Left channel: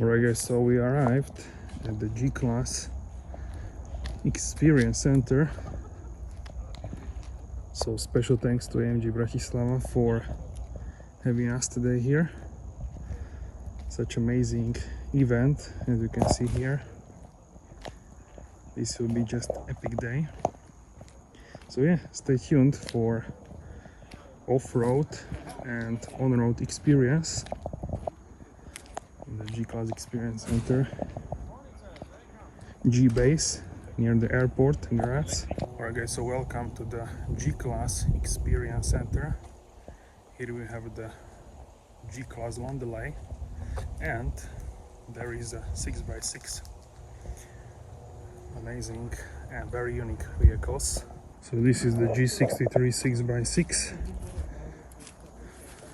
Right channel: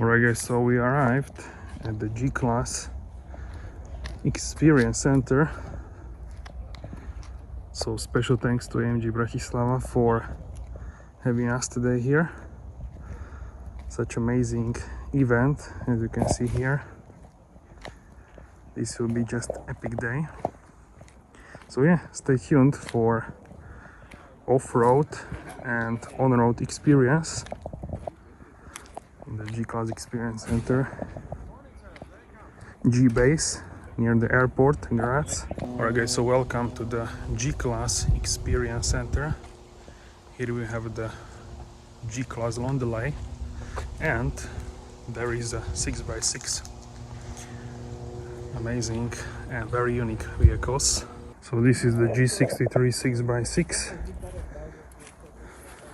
Alright guys, so we arrived at the G-Class Experience Center. So special thanks to AMG Bratislava for having us today here. Such amazing event, as you can see here. This will be just epic day. So yeah, stay tuned for off-road and on-road experience in the G-Class Experience Center G-Base near the airport in GRAZ. Alright guys, so welcome to the G-Class Experience Center. Here we have the G-Class long delay, and there is a 6x6 amazing and very unique vehicles. So this is the G63 6x6,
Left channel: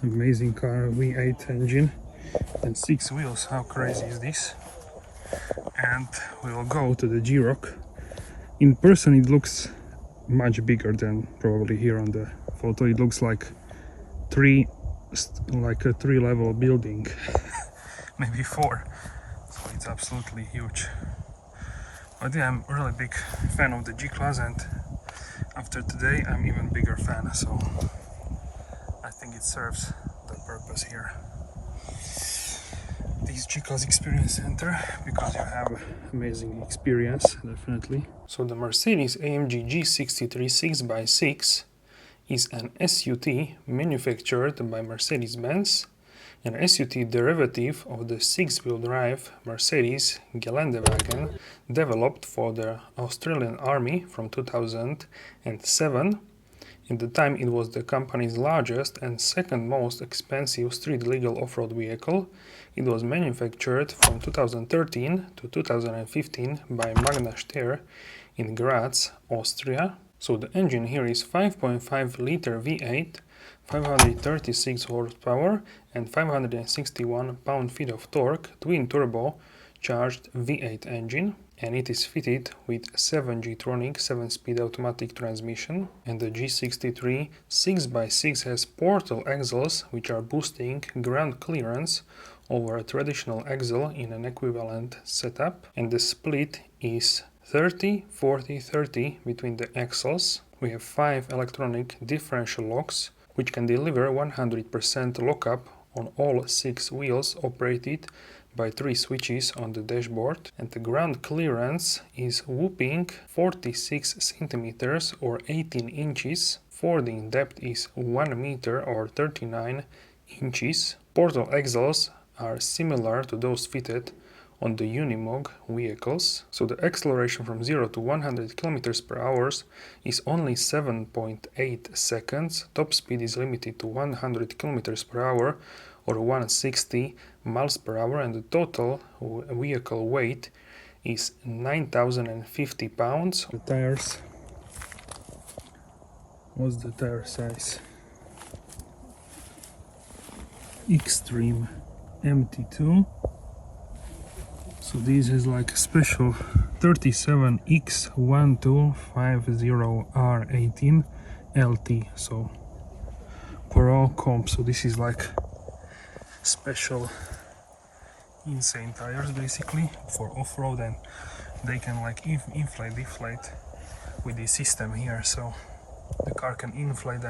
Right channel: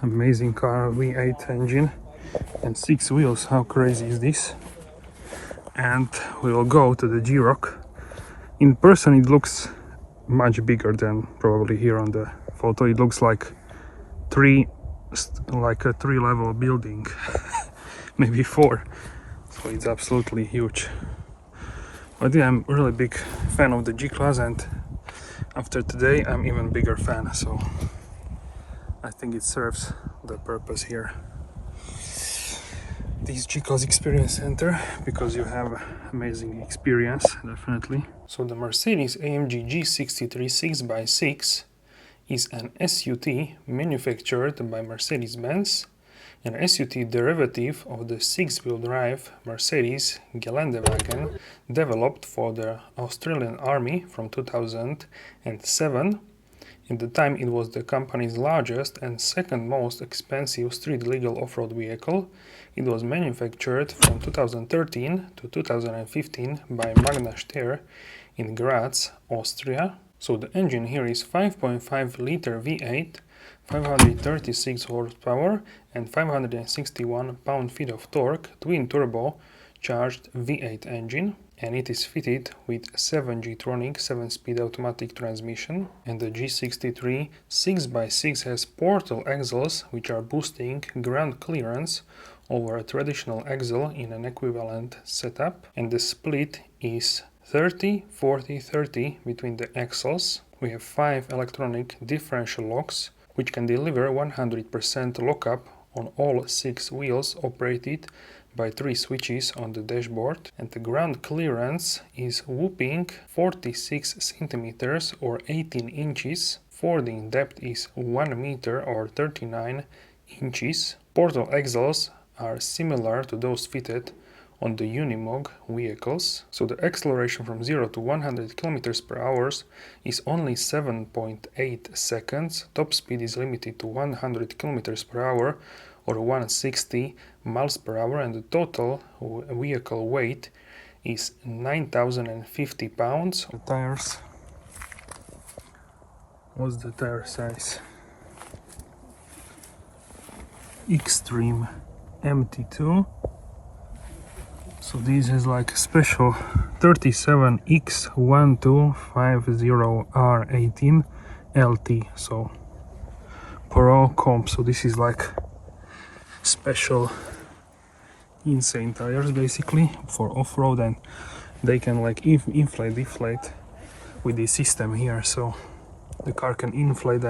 amazing car, V8 engine and 6 wheels. How crazy is this? And we will go to the G-Rock. In person it looks much bigger than probably here on the photo. It looks like a 3-level building, maybe 4. So it's absolutely huge. But yeah, I'm a really big fan of the G-Class, and after today I'm even bigger fan, so I think it serves the purpose here, this G-Class Experience Center, because you have amazing experience, definitely. So the Mercedes AMG G63 6x6 is an SUT manufactured by Mercedes-Benz, an SUT derivative of the 6-wheel drive Mercedes Geländewagen developed for the Australian Army from 2007. At the time it was the company's largest and second most expensive street legal off-road vehicle. It was manufactured from 2013 to 2015 by Magna Steyr in Graz, Austria. So the engine here is 5.5 liter V8, 536 horsepower and 561 pound-feet of torque, twin-turbo charged V8 engine, and it is fitted with 7G-tronic 7-speed automatic transmission. And the G63 6x6 has portal axles which are boosting ground clearance over a traditional axle in an equivalent setup, and the split is 30-40-30 between the axles. We have 5 electronic differential locks which can deliver 100% lockup on all 6 wheels, operated by 3 switches on the dashboard, and the ground clearance is whopping 46 centimeters or 18 inches. Fording depth is 1 meter or 39 inches. Portal axles are similar to those fitted on the Unimog vehicles. So the acceleration from 0 to 100 km per hour is only 7.8 seconds. Top speed is limited to 100 km per hour or 160 miles per hour, and the total vehicle weight is 9,050 pounds. The tires. What's the tire size? Extreme MT2. So this is like a special 37X1250R18 LT, so Pro comp. So this is like special insane tires basically for off-road, and they can like inflate, deflate with this system here, so the car can inflate.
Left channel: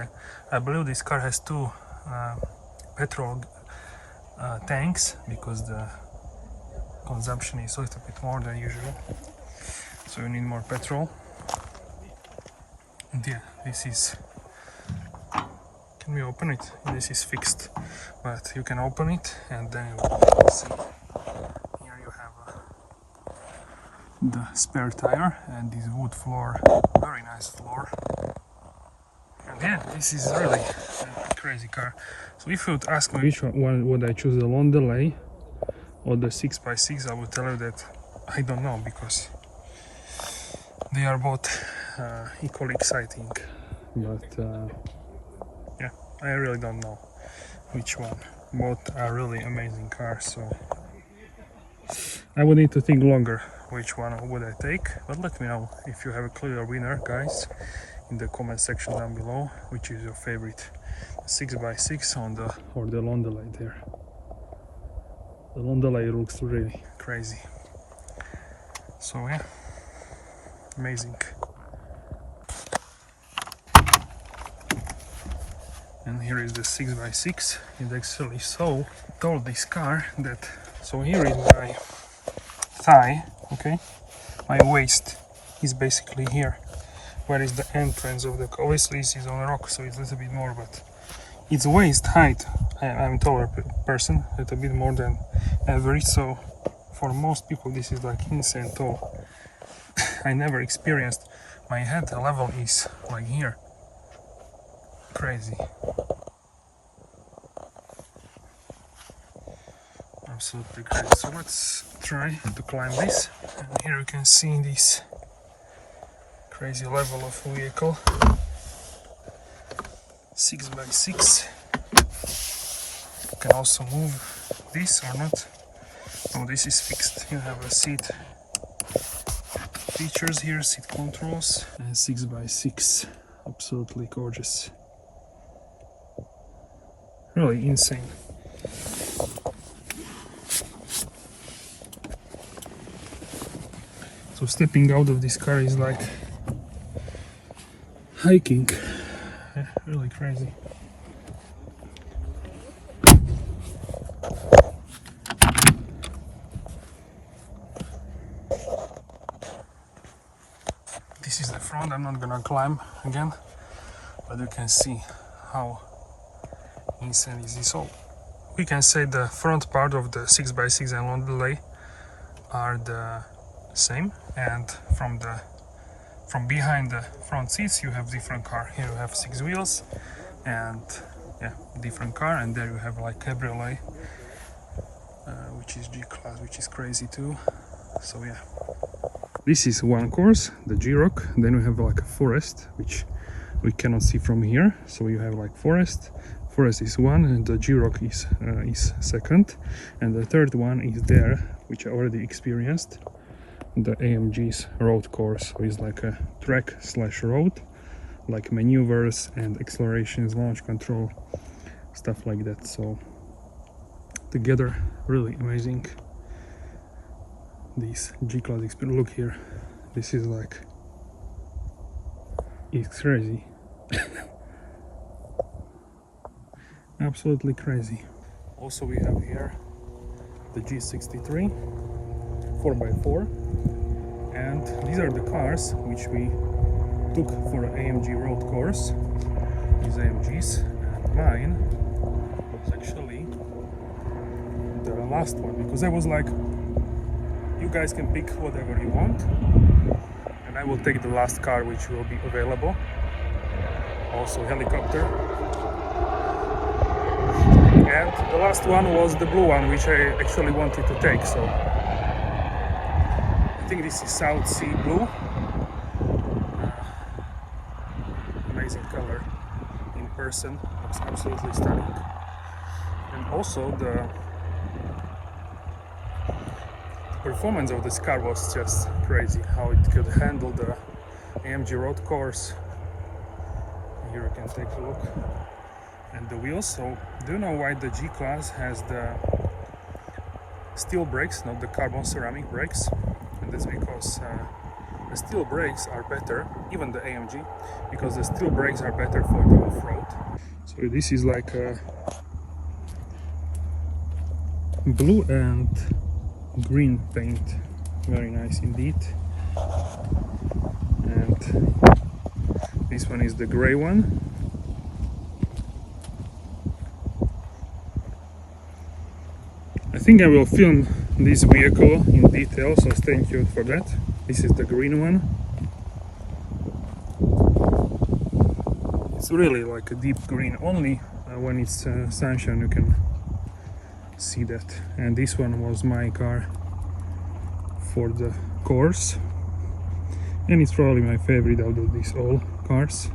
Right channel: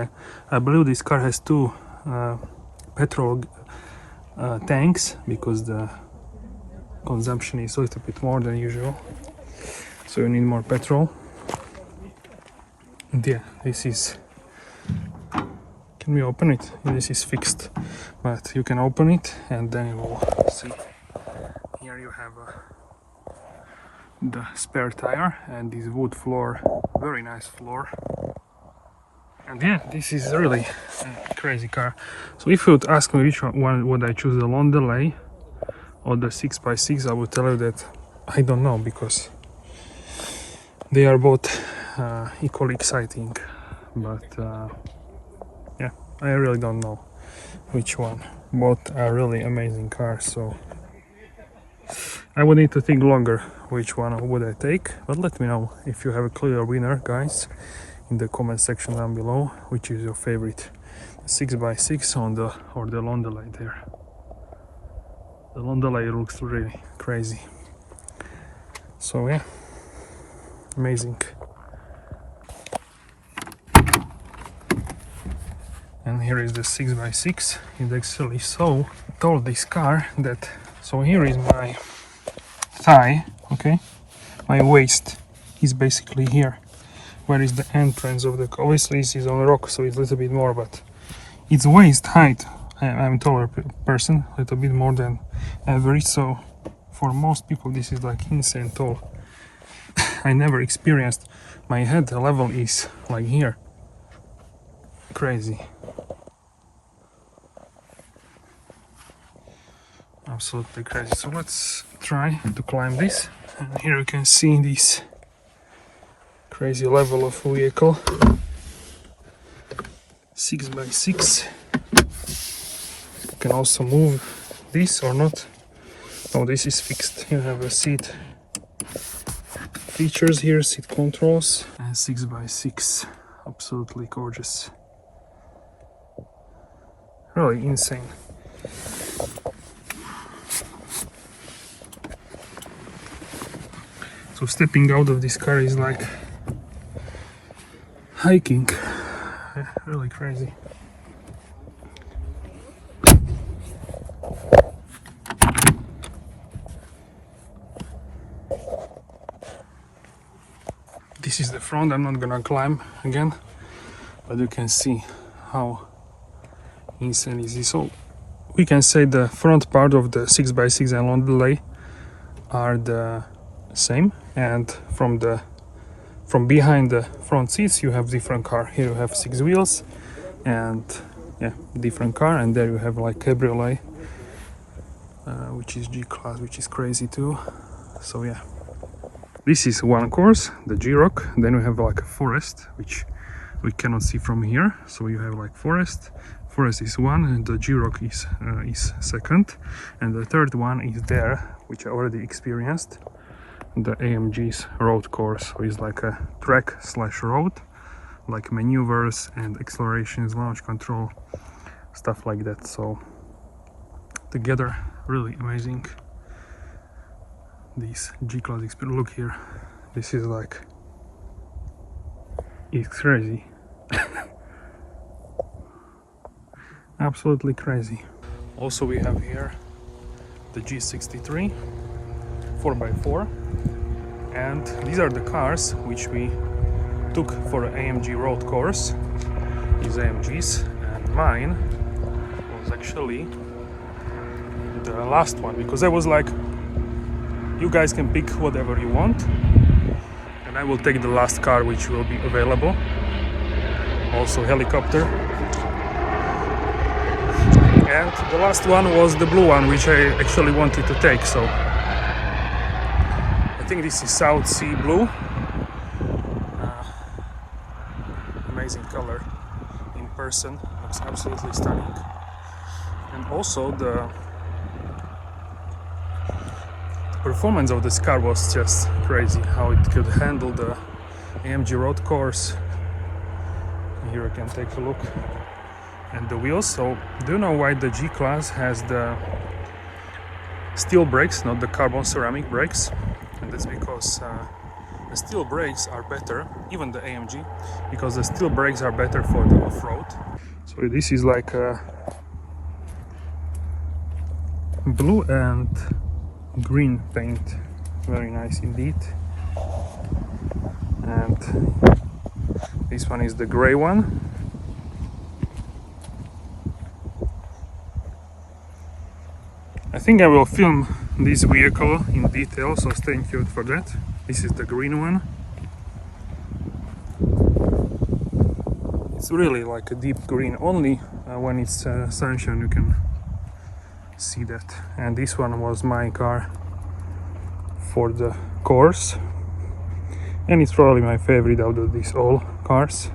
I believe this car has 2 petrol tanks, because the consumption is a little bit more than usual, so you need more petrol. And yeah, this is, can we open it? This is fixed, but you can open it and then you will see. Here you have the spare tire and this wood floor, very nice floor. And yeah, this is really a crazy car. So if you would ask me which one would I choose, the long delay or the 6x6, I would tell you that I don't know, because they are both equally exciting. But yeah, I really don't know which one. Both are really amazing cars, so I would need to think longer which one would I take. But let me know if you have a clear winner, guys, in the comment section down below. Which is your favorite, 6x6 or the long delay there. on the way it looks really crazy. So yeah, amazing. And here is the 6x6. It's actually so tall, this car, that so here is my thigh, okay, my waist is basically here, where is the entrance of the car. Obviously this is on a rock, so it's a little bit more, but it's waist height. I'm a taller person, a little bit more than average, so for most people this is like insane tall. I never experienced my head level is like here. Crazy. Absolutely crazy. So let's try to climb this. And here you can see this crazy level of vehicle. 6x6. You can also move this or not. Oh, this is fixed. You have a seat features here, seat controls, and 6x6. Absolutely gorgeous. Really insane. So stepping out of this car is like hiking. Yeah, really crazy. This is the front. I'm not gonna climb again, but you can see how insane is this. So we can say the front part of the 6x6 and long delay are the same, and from behind the front seats you have different car. Here you have 6 wheels and yeah, different car, and there you have like cabriolet, which is G-Class, which is crazy too. So yeah, this is one course, the G-Rock. Then we have like a forest, which we cannot see from here. So you have like forest is one, and the G-Rock is second, and the third one is there, which I already experienced, the AMG's Road Course. So it's like a track slash road, like maneuvers and accelerations, launch control, stuff like that. So together, really amazing. This G-Class Experience, look here, this is like, it's crazy. Absolutely crazy. Also we have here the G63 4x4, and these are the cars which we took for AMG Road Course, these AMGs, and mine was actually the last one, because I was like, you guys can pick whatever you want, and I will take the last car which will be available. Also helicopter. And the last one was the blue one, which I actually wanted to take. So I think this is South Sea blue. Amazing color in person, looks absolutely stunning. And also the performance of this car was just crazy, how it could handle the AMG Road Course. Here I can take a look. And the wheels. So do you know why the G-Class has the steel brakes, not the carbon ceramic brakes? And that's because the steel brakes are better, even the AMG, because the steel brakes are better for the off-road. So this is like a blue and green paint, very nice indeed. And this one is the gray one. I think I will film this vehicle in detail, so stay tuned for that. This is the green one. It's really like a deep green, only when it's sunshine you can see that. And this one was my car for the course, and it's probably my favorite out of these all cars.